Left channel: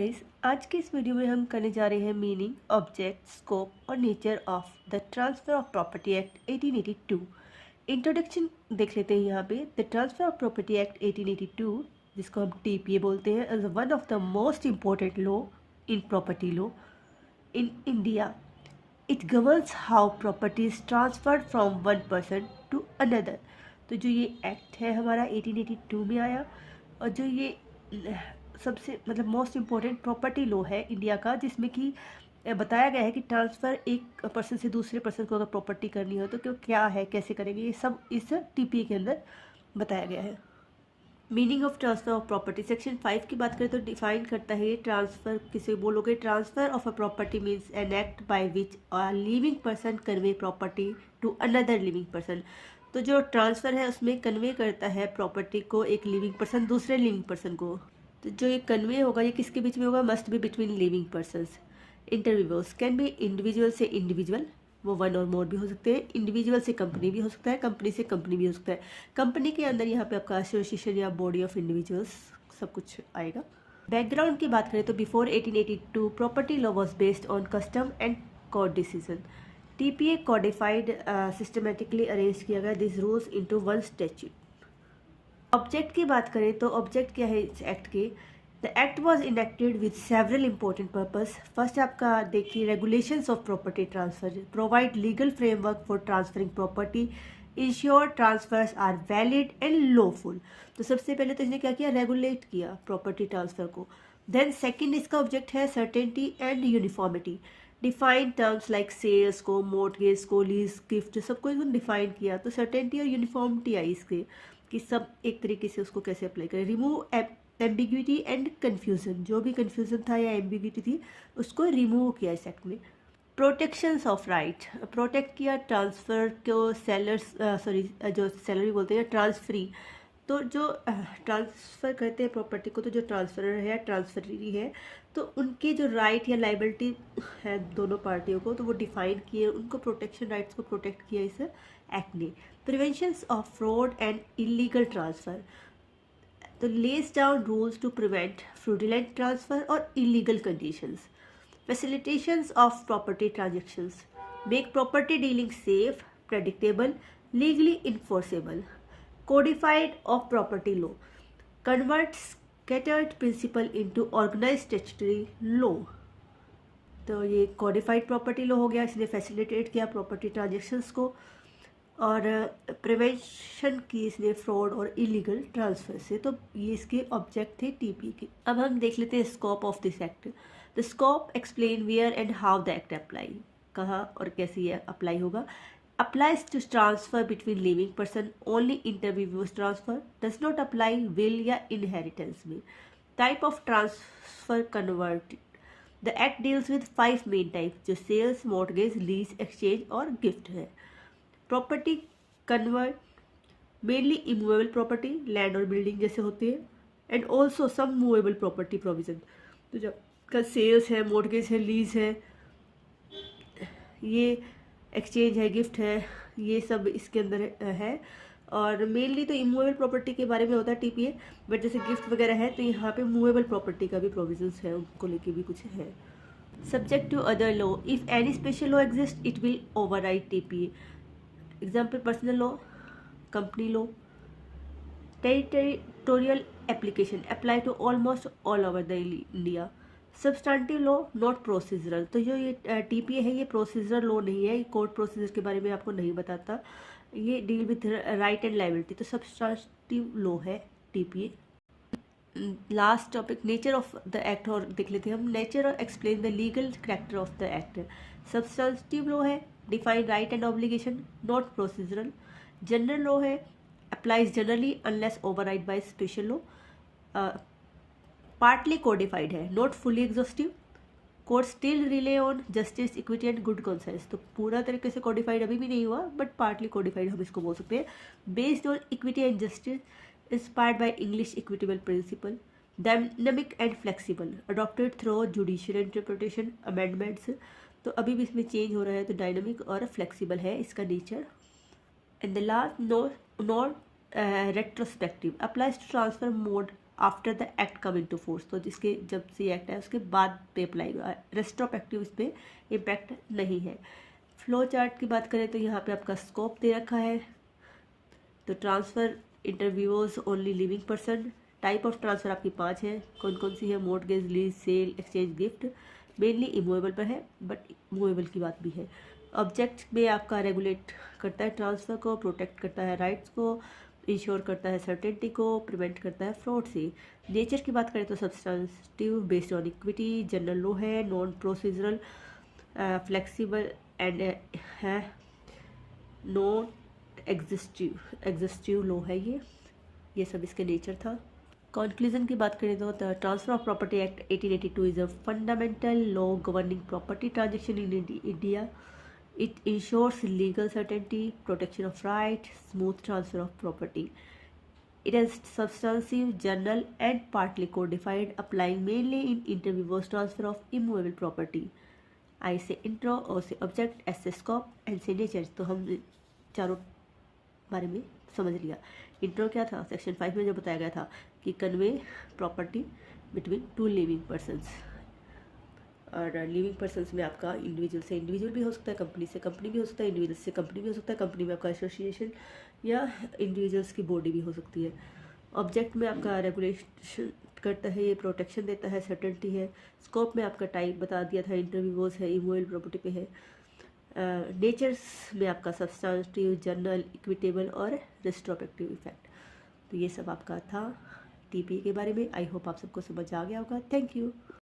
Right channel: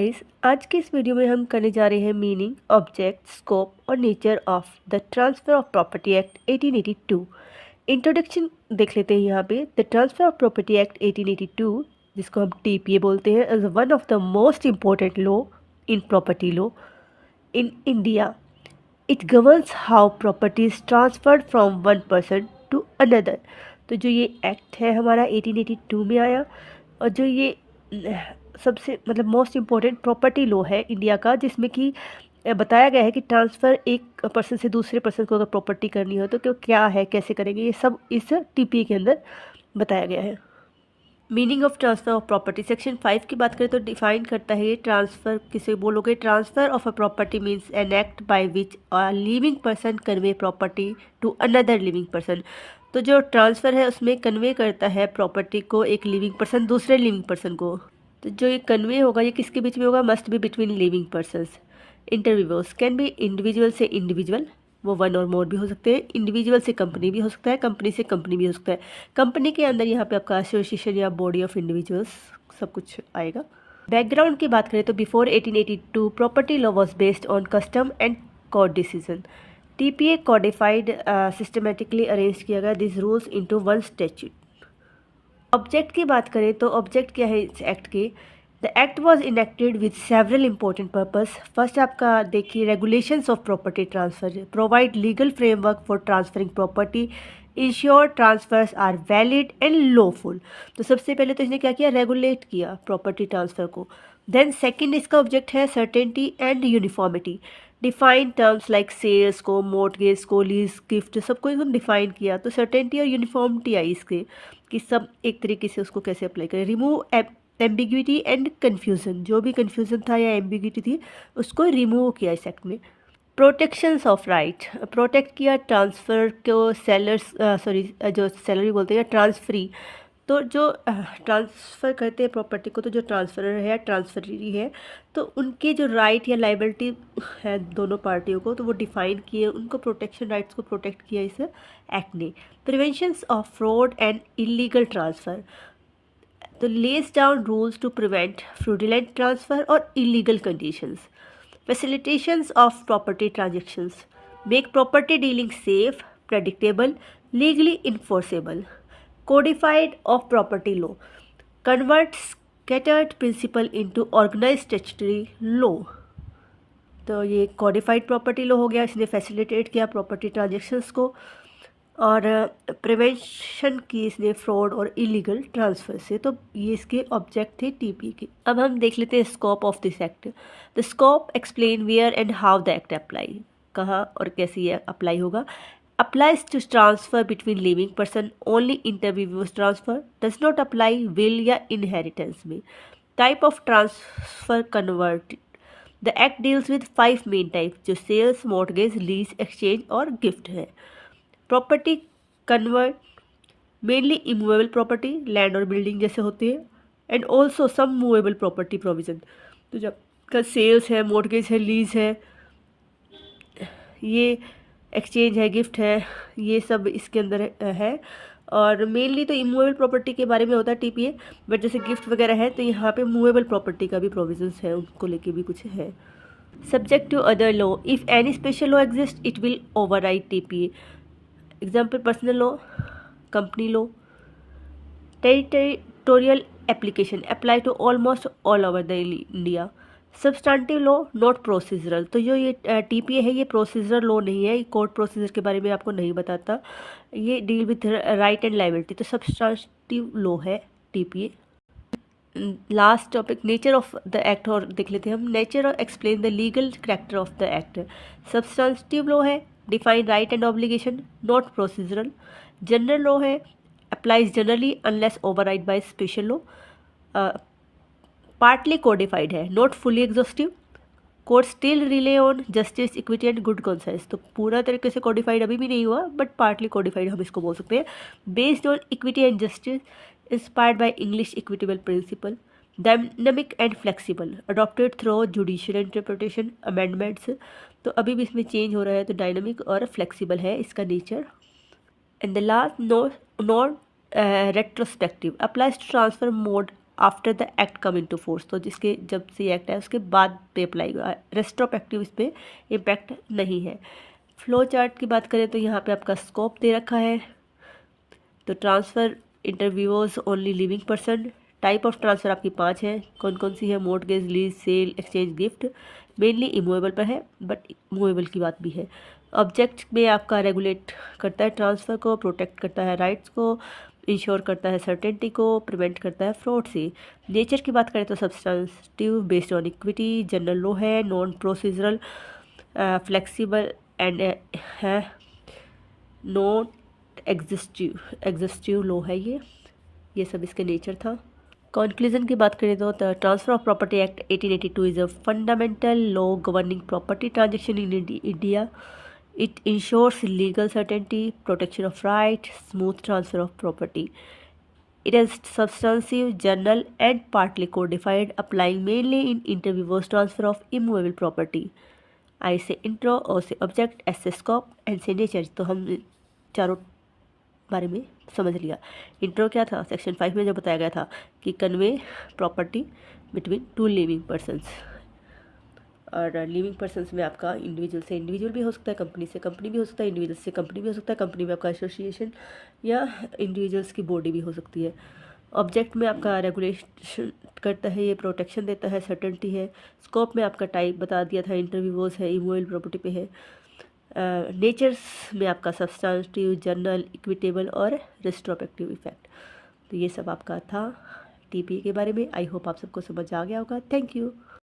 Guys, आज की इस वीडियो में हम करने जा रहे हैं मीनिंग, ऑब्जेक्ट, स्कोप और nature of the transfer of property act 1882। Introduction देख लेते हैं यहाँ पे। The transfer of property act 1882, जिसको हम टीपीए बोलते हैं, is one of the most important law in property law in India. It governs how property is transferred from one person to another. तो जो ये एक्ट है हमारा 1882 में आया, और जो ये सबसे मोस्ट इम्पोर्टेंट प्रॉपर्टी लॉ है इंडिया का, जिसमें कि बताया गया है कि ट्रांसफ़र एक पर्सन से दूसरे पर्सन को अगर प्रॉपर्टी करनी हो तो क्या है, कैसे करेंगे, ये सब इस टीपी के अंदर बताया गया है। Meaning of transfer of property section 5 की बात करें तो डिफाइन करता है ये ट्रांसफ़र किसे बोलोगे। Transfer of a property means an act by which a living person convey property to another living person. तो जो ट्रांसफ़र है उसमें कन्वे करता है प्रॉपर्टी को एक लिविंग पर्सन दूसरे लिविंग पर्सन को। तो जो ये कन्वे होगा ये किसके बीच में होगा? Must be between living persons. Interviewers can be individual से इंडिविजुअल, वो वन और मोर भी हो सकते हैं। इंडिविजुअल से कंपनी भी हो सकता है, कंपनी से कंपनी भी हो सकता है। कंपनी के अंदर यहाँ पे आपका एसोसिएशन या बॉडी ऑफ इंडिविजुअल्स सब कुछ आएगा। बैकग्राउंड की बात करें तो before 1882 property law was based on custom and court decision. TPA codified systematically arrange किया गया this rules into one statute. Object की बात करें तो ऑब्जेक्ट क्या है इस एक्ट के? The act was enacted with several important purpose. First आपका देखिए, regulations of property transfer provide legal framework for transferring property, ensure transfers are valid and lawful. तो सबसे पहले तो इसने क्या किया? रेगुलेट किया प्रॉपर्टी ट्रांसफर को। देन सेकंड इसका ऑब्जेक्ट है certainty and uniformity. Define terms like sales को, मोर्टगेज को, लीज, गिफ्ट, सबको एकदम डिफाइन किया। तो सर्टेनिटी और यूनिफॉर्मिटी आई इसके कि सब एक तरीके से उसको कैसे अप्लाई करें। रिमूव एम्बिग्विटी एंड कन्फ्यूज़न, जो भी कन्फ्यूज़न था या एम्बिग्विटी थी उसको रिमूव किया इस एक्ट में। प्रोटेक्शंस ऑफ राइट, प्रोटेक्ट किया ट्रांसफ़र को, सेलर्स जो सेलर बोलते हैं ट्रांसफरी। तो जो ट्रांसफ़र करते हैं प्रॉपर्टी को, तो जो ट्रांसफरर है, ट्रांसफरी है, तो उनके जो राइट या लाइबिलिटी है दोनों पार्टियों को, तो वो डिफाइन किए, उनको प्रोटेक्शन राइट्स को प्रोटेक्ट किया इस एक्ट ने। Preventions of fraud and illegal transfer, तो lays down rules to prevent fraudulent transfer और illegal conditions. Facilitations of property transactions make property dealing safe, predictable, legally enforceable. Codified of property law converts scattered principle into organized statutory law। तो ये कॉडिफाइड property law हो गया, इसने facilitate किया property transactions को, और prevention की इसने फ्रॉड और इलीगल ट्रांसफर से। तो ये इसके ऑब्जेक्ट थे टीपी के। अब हम देख लेते हैं scope of this act. The scope explain where and how the act apply, कहाँ और कैसे ये अप्लाई होगा। applies to transfer between living person only, interviews transfer does not apply will या inheritance में। type of transfer converted, the act deals with 5 main types जो sales, mortgage, lease, exchange और gift है। property convert mainly immovable property, land और building जैसे होते हैं, and also some movable property provision। तो जब का सेल्स है, mortgage है, लीज है, ये एक्सचेंज है, गिफ्ट है, ये सब इसके अंदर है। और मेनली तो इमूवेबल प्रॉपर्टी के बारे में होता है टीपीए, बट जैसे गिफ्ट वगैरह है तो यहाँ पे मूवेबल प्रॉपर्टी का भी प्रोविजंस है, उनको लेके भी कुछ है। Subject to other law, if any special law exist it will override TPA. Example personal law, company law. Territorial application apply to almost all over the India. Substantive law not procedural, तो जो ये TPA है ये procedural law नहीं है, ये court procedure के बारे में आपको नहीं बताता, ये deal with right and liability. तो सब्सटेंटिव लॉ है TPA. Last topic nature of the act और देख लेते हैं हम। नेचर और explain the legal character of the act. Substantive law है, define right and obligation, not procedural. General law है, applies generally unless override by special law। partly codified है, not fully exhaustive। court still rely on justice, equity and good conscience। तो पूरा तरीके से codified अभी भी नहीं हुआ, but partly codified हम इसको बोल सकते हैं। based on equity and justice, inspired by English equitable principle, dynamic and flexible, adopted through judicial interpretation amendments। तो अभी भी इसमें चेंज हो रहा है, तो डायनामिक और फ्लेक्सिबल है इसका nature. And the last, non retrospective, applies to transfer mode after the act come into force, तो जिसके जब से एक्ट है उसके बाद पे अप्लाई हुआ, रेस्ट्रोस्पेक्टिव इस पर इम्पैक्ट नहीं है। फ्लो चार्ट की बात करें तो यहाँ पे आपका स्कोप दे रखा है। तो transfer interviewers only living person. Type of transfer आपकी 5 है। कौन कौन सी है? Mortgage, lease, sale, exchange, gift. Mainly immovable पर है, बट मूवेबल की बात भी है। ऑब्जेक्ट में आपका रेगुलेट करता है ट्रांसफ़र को, प्रोटेक्ट करता है राइट्स को, इंश्योर करता है सर्टेनिटी को, प्रिवेंट करता है फ्रॉड से। नेचर की बात करें तो substantive based on equity, general law है, नॉन प्रोसीजरल, फ्लेक्सिबल एंड है, नॉट एग्जिस्टिव लॉ है ये सब इसके नेचर था। कंक्लूजन की बात करें तो the transfer of property act 1882 is a fundamental law governing property transaction in India. It ensures legal certainty, protection of right, smooth transfer of property. It is substantive, general, and partly codified, applying mainly in interviewers' transfer of immovable property. I say intro, O say object, S say scope, and say nature. तो हम चारों बारे में समझ लिया। Intro क्या था? Section 5 में जो बताया गया था कि convey property between two living persons. और लिविंग पर्सन्स में आपका इंडिविजुअल से इंडिविजुअल भी हो सकता है, कंपनी से कंपनी भी हो सकता है, इंडिविजुअल से कंपनी भी हो सकता है, कंपनी में आपका एसोसिएशन या इंडिविजुअल्स की बॉडी भी हो सकती है। ऑब्जेक्ट में आपका रेगुलेशन करता है, ये प्रोटेक्शन देता है, सर्टेनिटी है। स्कोप में आपका टाइप बता दिया था, इंटरव्यूअर्स है, इमूवेबल प्रॉपर्टी पे है। नेचर्स में आपका सब्सटेंटिव, जनरल, इक्विटेबल और रेस्ट्रोस्पेक्टिव इफेक्ट। तो ये सब आपका था टीपीए के बारे में। आई होप आप सबको समझ आ गया होगा। Thank you.